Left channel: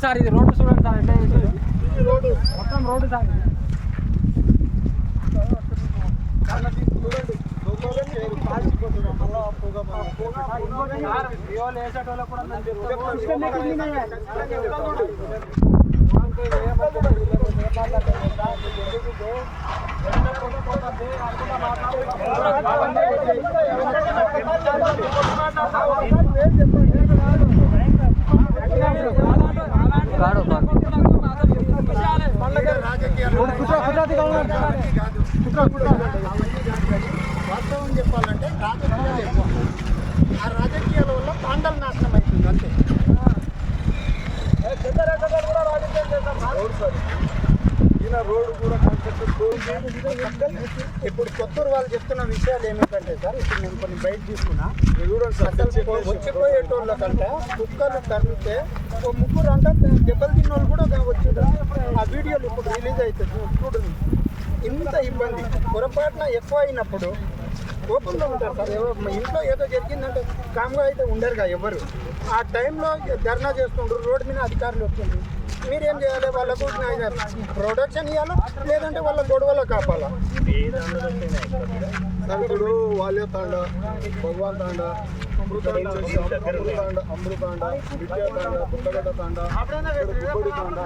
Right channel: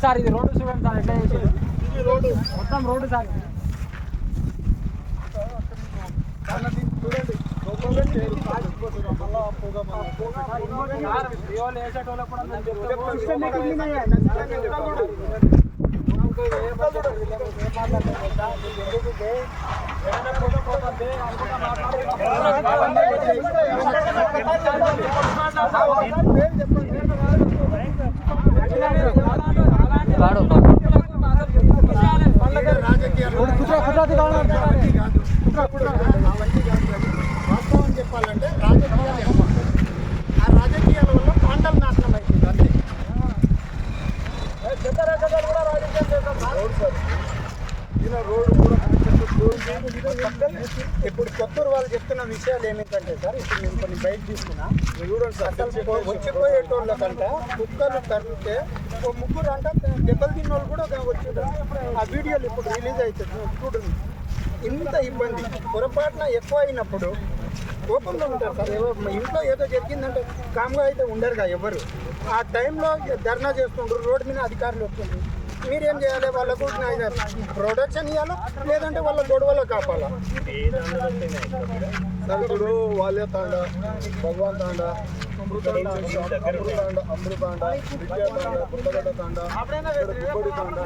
Road sir ఇది road చూడండి sir ఎట్లా వేసిండు. మొత్తం రోడ్డు సార్ చెప్పండి సార్, మీ వాళ్ళు వేసేటోళ్ళకు కూడా మేము చెప్తాము. కాడు వాస్తవం చెప్పాలంటే రాజకీయాలు ఆ రాజకీయాల వల్ల పాండలు నాశనం అవుతుంది అంతే. చంద్రరేఖ కూడా రాజకీయాలు చేస్తారు ఈయన రోడ్డు కూడా ఇప్పుడు కొత్తూరు వాళ్ళు చెప్తున్న విషయాలు ఏమిటంటే సార్ ఇప్పుడు నేను కొన్ని బయట తీసుకున్నా. అసలు వచ్చిపోయేటోళ్ళ కంటే కుక్కలు తరిగితే ఓ ముగ్గురు అంటే దెబ్బలు తిన్న వాళ్ళు కూడా వచ్చారు ఆ వీడియోలు ఇప్పుడు రిలీజ్ అవుతుంది. చూడండి. ఇంత ఇబ్బంది. పొరపాటున ఎక్కువ అయినప్పుడు కోపంలో ఉంటారు సార్. ఎవరు మా ఇంట్లో ఏదో జరిగిందంటే కామ్గా అయితే ఉండరుగా ఎవరు. ఆ టైంలో ధర్నా చేస్తుండ్రు రోడ్డు మీద అధికారులు వస్తుండ్రు. మీరేం చేయాలి? వాళ్ళకు ప్రొడక్షన్ ఇవ్వాలా లేదంటే వాళ్ళ గొడవలో కాపాలా? ఇప్పుడు వాళ్ళే తాండ భగవాన్ తాండ అమృతాండ అమృతాండ అమృతాండ విద్యా తాండ పుట్టగడ్డ తాండ గుబ్బడి తాండ.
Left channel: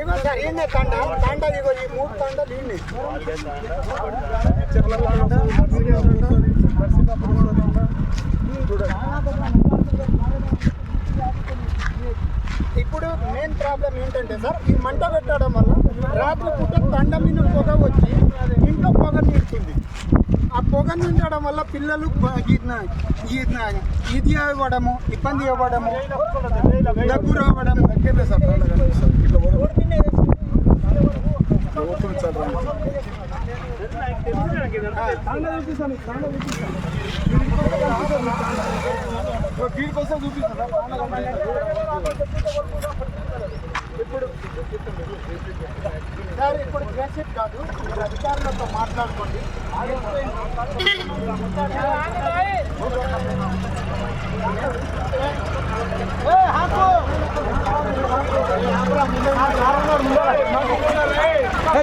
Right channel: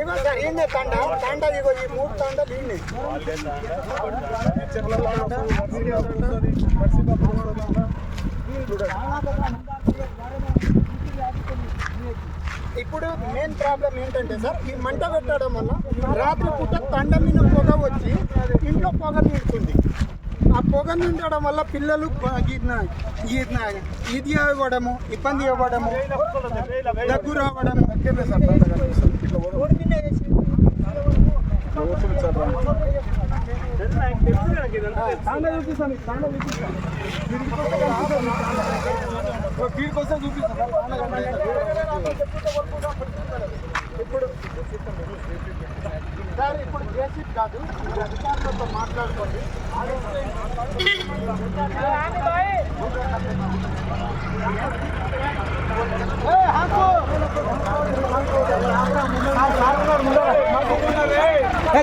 ఇగో సార్ ఈయనే తాండ. తాండ ఇగో ఈ మూడు తాండలు ఈయనే ఇప్పుడు మెయిన్ ప్రాబ్లం ఏంటంటే సార్ ఈ మంట పెట్టడం వల్ల రాత్రి పూట తండ మీద పొగ వచ్చి ఇంట్లో పొగ నిండుతుంది. ఆ పొగ నిండడం వల్ల పిల్లలు ఇది అవ్వడము ఇబ్బంది అవ్వడము దగ్గు రావడము. వీడికోసం చూపిస్తాను ఇప్పుడు సార్ ఇప్పుడు కేసీఆర్ కాదు మీరు అధికారులతో మాట్లాడుకోండి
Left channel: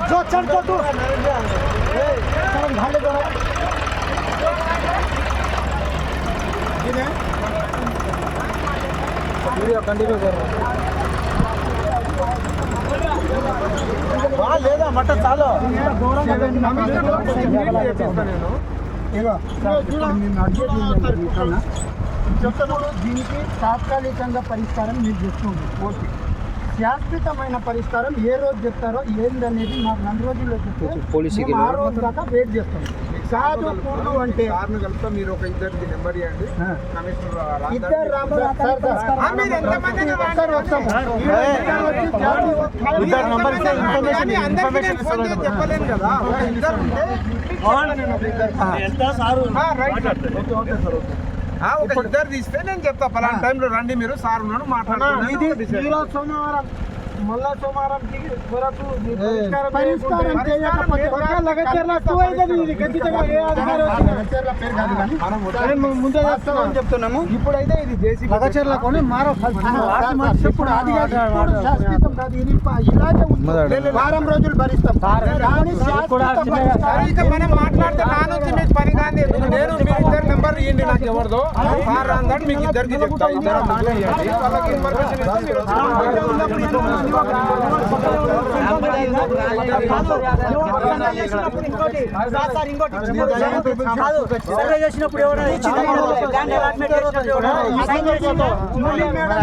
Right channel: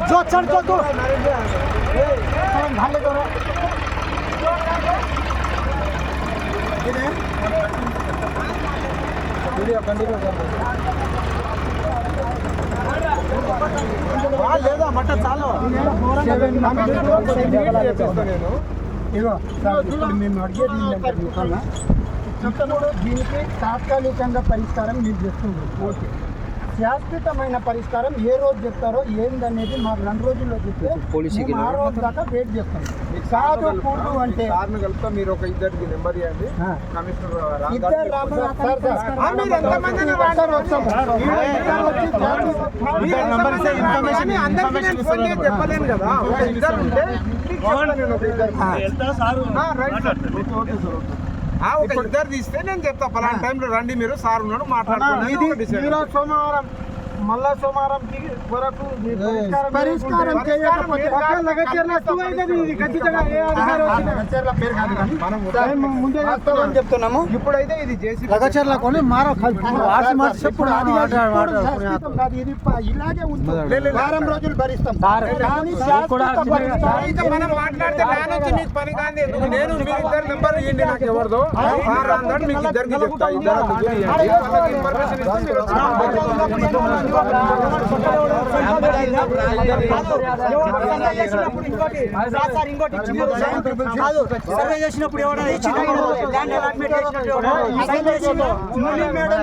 जो चल तो तू चल भाले दो వీడియో కంటిన్యూ లేదా? మట్ట చాలా. నేను ఇగో సార్ ఇప్పుడు మేము అడిగేది ఏంటంటే మీకన్నా ఇప్పుడు దీనికి తాత్కాలికంగా పరిష్కారం మీరు చేస్తుంది ఓకే. శాశ్వతమైన పరిష్కారం ఏ రోజు చెప్తారో ఏందనేది మాకు రెండు రోజుల్లో చెప్తే ఆ రోజు దాకా వెయిట్ చేస్తాం. కాదు కూడదు అంటే కార్ను కలుపుతా మీరు ఒక ఇద్దరిది నెంబర్ ఇవ్వండి. కమిషనర్ చెప్పలేను కదా. ఒక ఇద్దరు ఉంటే right sir. Okay okay sir okay. ఆ, ఒక ఇద్దరు తీస్తే నేను చెప్తా. పలానా టైంలో రండి మీరు సార్ మాట్లాడుకోండి. ఈరోజు సోమవారం. మళ్ళా సోమవారంకి వరకు పరిష్కారం చేయకపోతే ముందే చేస్తామని చెప్తున్నాము. ఇప్పుడైతే ఇది ఇప్పుడు అది కాదు, ఇది ఇలాగే వారం రోజులు భరిస్తాం. మనం మాట్లాడితే నా నుంచి మీకు పని కాదు నేను మీరు ఇద్దరు నెంబర్ ఇవ్వండి నాకు ఎవరిదో? సార్ రాందని మీకు ఇద్దరికి చెప్తా. ఇద్దరు ముగ్గురు ఇవ్వండి వాళ్ళకి ఇన్ఫర్మేషన్ ఇస్తే మీరు వచ్చి మాట్లాడుకోండి. సర్వే చేసినప్పుడు ఎవడో ఇచ్చిందా? ల్యాండ్ అలాట్మెంట్ చేసినప్పుడు ఎవడో సైన్ చేసిందా? మురళీ మేడం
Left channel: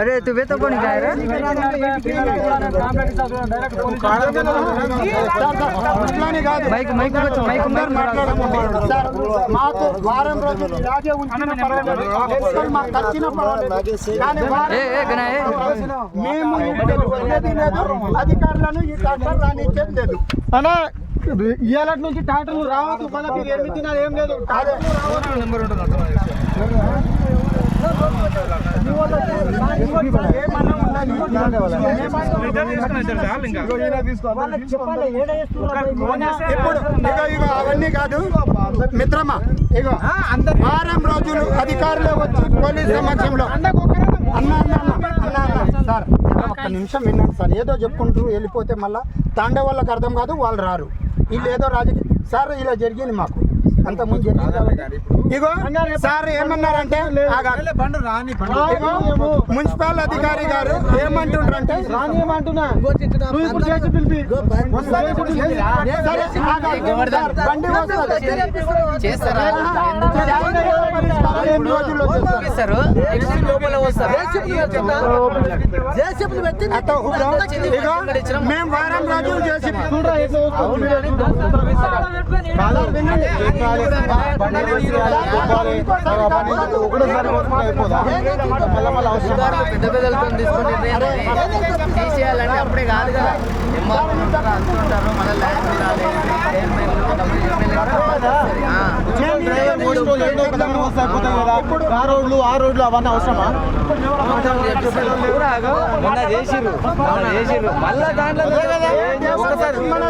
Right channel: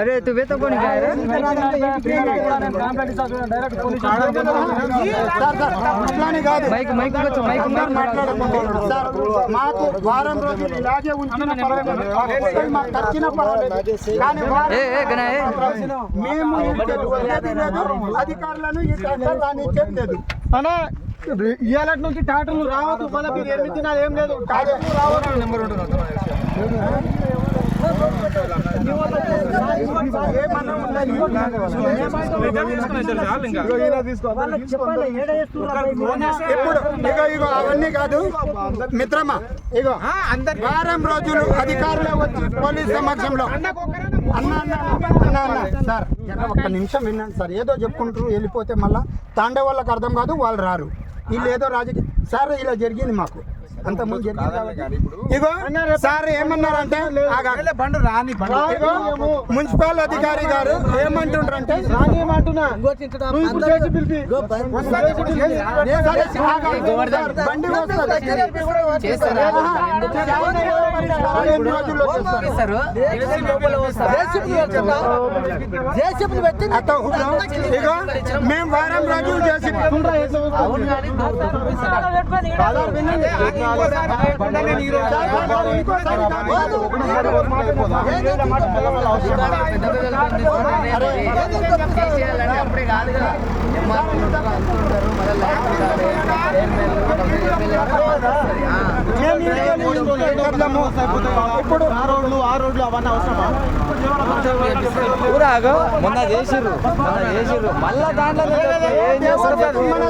अरे तू वे तो कौन गया रे డైరెక్ట్ పోలీసు సార్, సార్, అట్లానే కాదు మైక్ మైక్ వచ్చా మైక్ అందరూ మాట్లాడకండి సార్ మాకు వారం రోజులు ఇలాగే ఉంచిన పర్వాలేదు ఒక్కరు మాకు ఖర్చిన పర్వాలేదు కానీ వారం ఏ ఏ గనా ఏ మేము అధికారులను ఈ కష్టం రానిచ్చేది లేదు ఇవాళ నుంచి టాటర్లు రావద్దు మళ్ళీ మీరు ఏం లేదు రావద్దు నెంబర్ ఇగో ఇగో అవన్నీ కాదు మిత్రమా ఇగో వారం రోజులు అధికారులు వచ్చి పోలీస్ సమక్షంలో అన్న అన్న అన్న అన్న సార్ ఒక్క నిమిషం విన్నాను సార్. ఏదో చెప్పుకుంటారు వెళ్ళిపోతే మళ్ళీ తాండే వాళ్ళకి అర్థం కాదు వాళ్ళు రారు. వీళ్ళు ఏదో రాజకీయ సార్ ఇలా జరిగింది మాకు. అంత ముందు జరిగింది కాబట్టి. ఇగో సార్ ఏమన్నారంటే ఆగాలి. బండు రాని బండు ఇగో మున్సిపల్ అధికారి గారు ఏమంటుండ్రంటే సరే, ఆగాలి. సార్, బండి వస్తుంది. ఆయన ఏదో పరిష్కారం ఎన్ని రోజుల్లో చేస్తారు? అత్త హుబ్రా, ఇగో మేము వారం రోజులు చేసి సార్, వినండి. సార్, సార్, సార్, ఇంకోసారి కాదు. అరే, మేము ఈ వెళ్ళాము. ఇప్పుడు ఆ రోడ్లు ఆ రోడ్లు అవన్నీ అవసరమా మొన్న చేసిర్రు మొన్న చేసిర్రు మళ్ళా దాంట్లో మన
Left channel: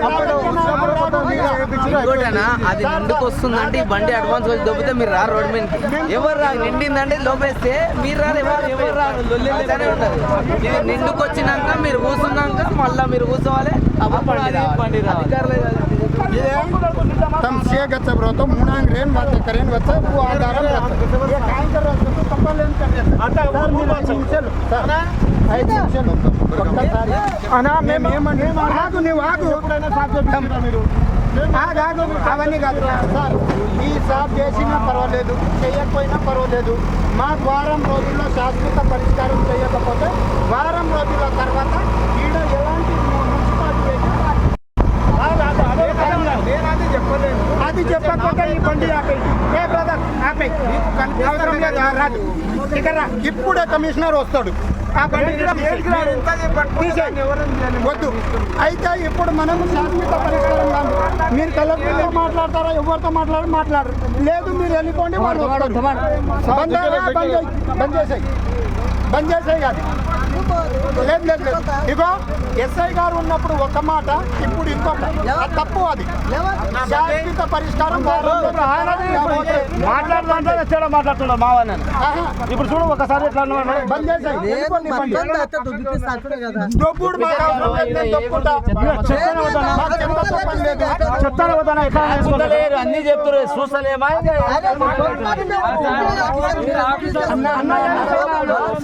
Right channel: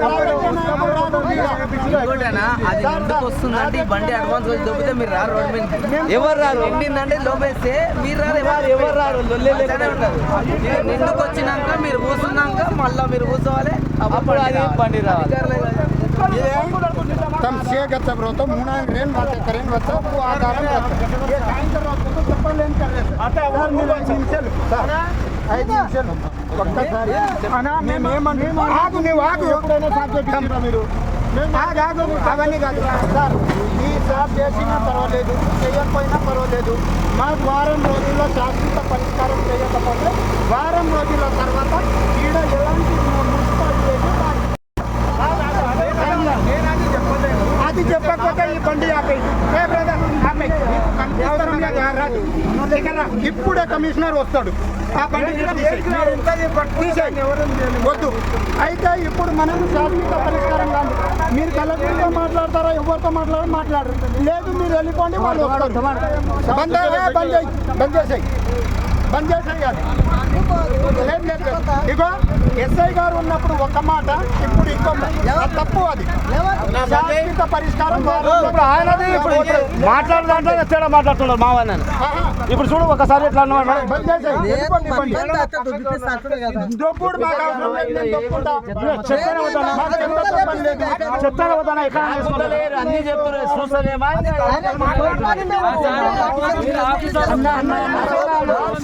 బండి అడ్వాన్స్ దొబ్బితే మీరు రారు ఎవరు రారు నిండిందంటే దొబ్బేస్తే మీరు రారు ఎవరు రారు వెళ్ళేలాగానే ఉంటారు మీరు కూర్చున్నాక మళ్ళీ మీరు కూర్చోవాలి అప్పుడు బండి రావాలి ತಮ್ಮ ಸಿಗತ್ತೆ ಬ್ರೋ ತಮ್ಮ ಮುಣಂಗ್ ರೇನ್ మీరు ఆగు అవన్నీ కాదు. సార్ ఈ సార్ చేసినా పర్వాలేదు చేయకపోయినా పర్వాలేదు. మాకు వారం రోజుల్లో శాశ్వత పరిష్కారం చేయకపోతే వారం రోజుల తర్వాత ఈడ ఎలాంటి మున్సిపాలిటీ అది చెప్పకపోతే ఈ బండి ఆపేయి ఏ బ్రదర్ ఆపేయి. అవసరం లేదు, ఆ రాదు. ఇప్పుడే కమిషనర్ వస్తాడు. ఆ బండి. వద్దు. అయితే ఇప్పుడు మనం శాశ్వత పరిష్కారం. మీరు కలెక్టర్తో మాట్లాడతారా? ఎవరితో మాట్లాడారు మాట్లాడరు. లేదు మీరు వెళ్ళిపోండి వాళ్ళు వస్తారు. బంద్ బంద్ బంద్ చేసేయి బంద్ చేసేయి కాదు లేదు లేదు లేదు. ఇగో ఎస్ఐ గారు ఉన్నప్పుడు ఒక మాట ఇప్పుడు ఇంకో మాట. అది తప్పు అది శాశ్వత పరిష్కారం మాట్లాడుతున్నాడు మావన్న ఇప్పుడు చూడు ఒకసారి ఎట్లా. దొప్పుడు? అన్ని చెప్తున్నారు చూస్తలేమా అన్న, అన్న, అన్న.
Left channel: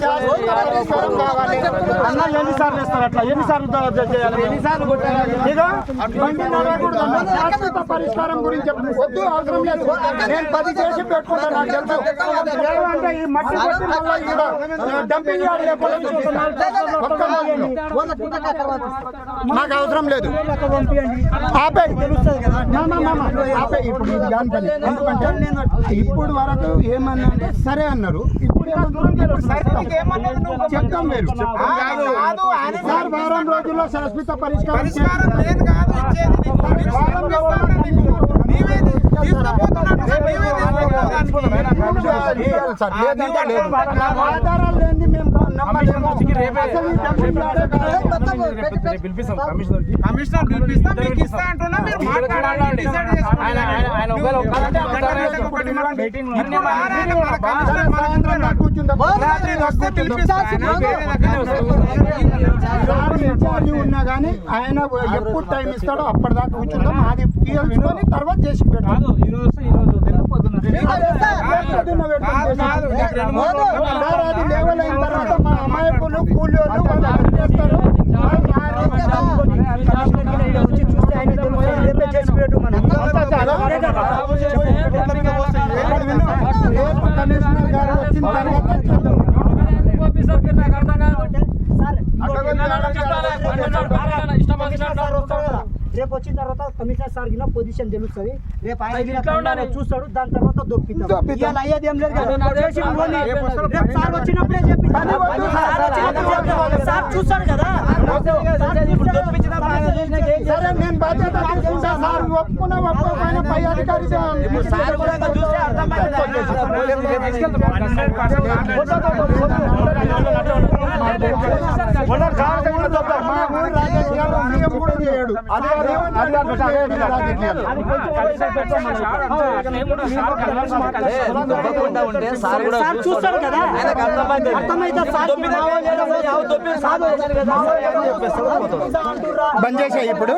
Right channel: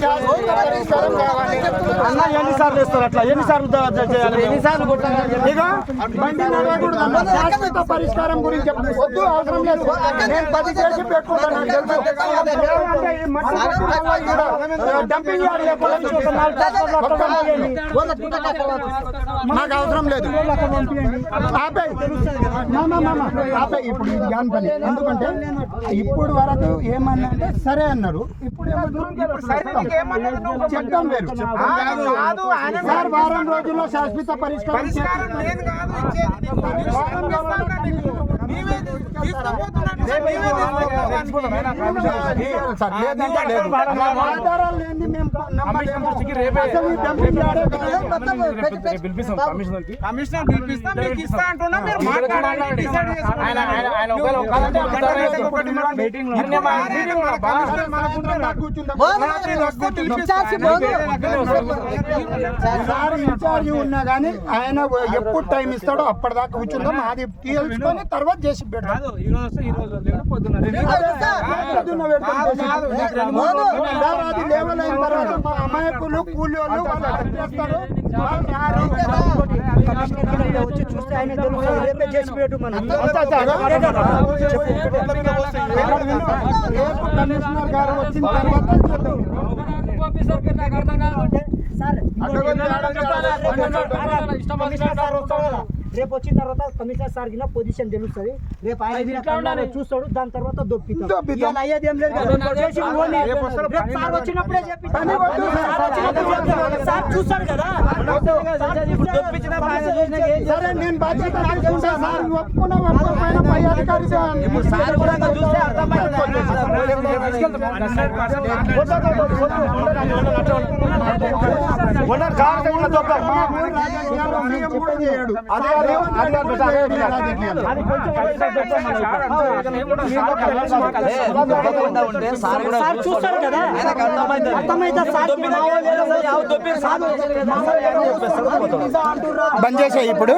శాశ్వత పరిష్కారం కావాలి. ఎన్నిసార్లు వేస్తారు అట్లా? ఎన్నిసార్లు ఎన్నిసార్లు. శాశ్వత పరిష్కారం గురించి వద్దు అవసరం లేదు. నేను పది చేసి పెట్టుకుంటాను నాకు అవసరం లేదు. ఇప్పుడు ఇది ఎందుకంటే ఇప్పుడు వరకు ఏమన్నా అంటే సరే అన్నారు. ఇప్పుడు చెప్తాం వేరు. కాదు, సార్ వారం రోజుల్లో శాశ్వత పరిష్కారం లేదు కాదు ఇచ్చేది. నీవే నీవే. చేయాలి సార్ లేదంటే లేదు. ఆధారాలు లేనిది మేము కమిషనర్ పిలిపిస్తా మీకు ఇస్తా అంటున్నా మీరు మాట్లాడాలని డిసైడ్ ఇన్ఛార్జ్ ఉన్నా కానీ ఆయన ఎప్పుడు టైం ఇస్తాడో అప్పటిదాకా కూర్చుందాం అది తీల్చుకొని తర్వాత చేసి రెండు మూడు అమాయకులు కూలోళ్ళు వాళ్ళు ఏం చేస్తారు వాళ్ళు రారు. రేపు కమిషనర్ గారు వచ్చిన తర్వాత చేద్దాం. సార్ అడగొద్దు, అడగొద్దు, అడగొద్దు. రేపు వచ్చిన తర్వాత కమిషనర్ సార్ గిన పొజిషన్ తెలుస్తుంది. రేపు ఆయన చూస్తాడు దాని తర్వాత. ఇవాళ అయ్యేది ఏం లేదు. రేపు సార్ వచ్చినప్పుడే చెప్పి. సార్ చూస్తాడు కదా. సరే నేను బాధ్యత ఒప్పుకున్నా ఒప్పుకోకపోయినా పై అధికారి చూస్తే చూస్తారు సార్ కదా అర్థమైతే బంద్ చేసే ఇప్పుడు.